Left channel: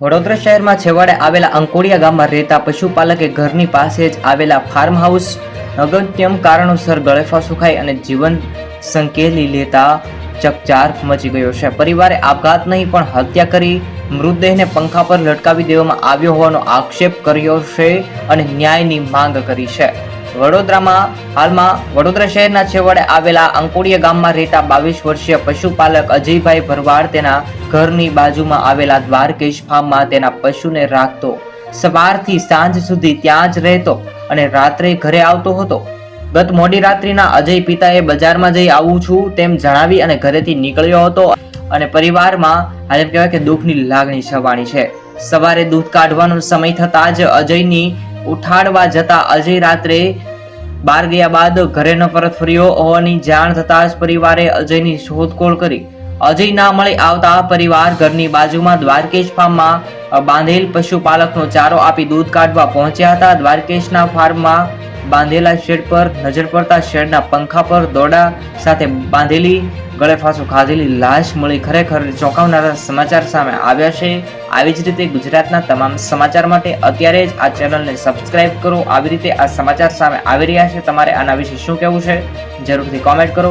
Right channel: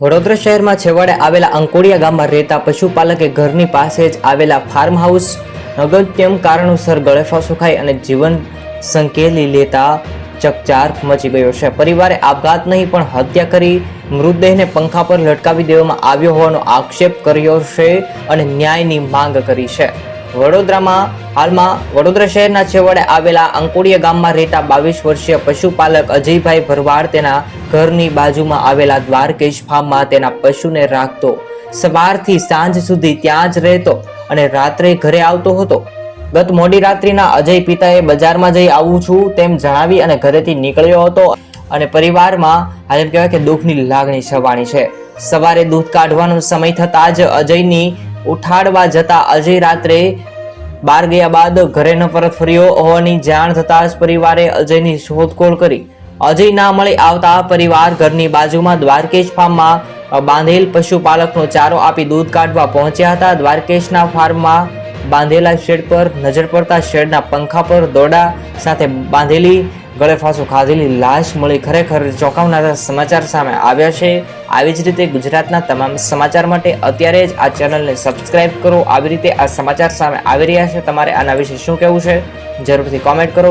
વડોદરા શહેરમાં છેવાડે આવેલા અંકોડિયા ગામમાં રહેતા પશુપાલકે ઘરની પાસે જ આવેલા ફાર્મ હાઉસ અગત્યમ કારણોસર ગળેફાંસો ખાઈ અને જીવન સંકેલી લેતા ચકચાર મચી ગયો છે. પરિવારે આપઘાત નહીં પણ હત્યા કરી મૃતદેહને પંખા પર લટકાવી દેવામાં આવ્યો હોવાનો આક્ષેપ કર્યો છે અને ન્યાયની માંગ કરી છે. વડોદરા શહેરના છેવાડે આવેલા અંકોડિયા ગામમાં રહેતા 22 વર્ષીય પશુપાલક અજયભાઈ ભરવાડ તેના ઘરની બાજુમાં આવેલા દ્વારકેશ ફાર્મમાં તેના પશુને રાખતો. સવારથી સાંજ સુધી ત્યાં જ રહેતો અને રાત્રે ઘરે આવતો હતો. ગત મોડી રાત્રિના અજય પિતાએ બજારમાં જઈ આવું છું તેમ જણાવી અને ઘરેથી નીકળ્યો હતો અને પરિવારમાં હાલ એમ કહેવાય કે દુઃખની લાગણી છવાણી છે. સવારે દૂધ કાઢવાનો સમય થતાં જ અજયની ઉઠાડવા જતા અજય રાત્રે બહાર ગયા બાદ ઘરે ન પરત ફર્યો હોવાની જાણ થતાં જ પરિવારે અજયની શોધખોળ કરી. અજય ના મળી આવતા પરિવાર ઘરની બાજુમાં દ્વારકેશ ફાર્મમાં બાંધેલ પશુપાલકનો ચારો આપી દૂધ કાઢવા પહોંચ્યા હતા. દ્વારકેશના ફાર્મમાં બાંધેલા શેડ પર નજર પડતા શેડના પંખા પર દોરડા સાથે બાંધેલી ગળેફાંસો ખાધેલી લાશ મળી ખરેખર ચોંકાવનારા સમાચાર સામે આવ્યા છે. આવી જ રીતે ગુજરાતના તમામ સમાચાર માટે અત્યારે જ આ ચેનલને સબસ્ક્રાઇબ કરો. આવી રીતે આ સમાચાર સામે આવી રહ્યા છે. તમારે આના વિશે શું કહેવું છે જરૂરથી કોમેન્ટ કરો.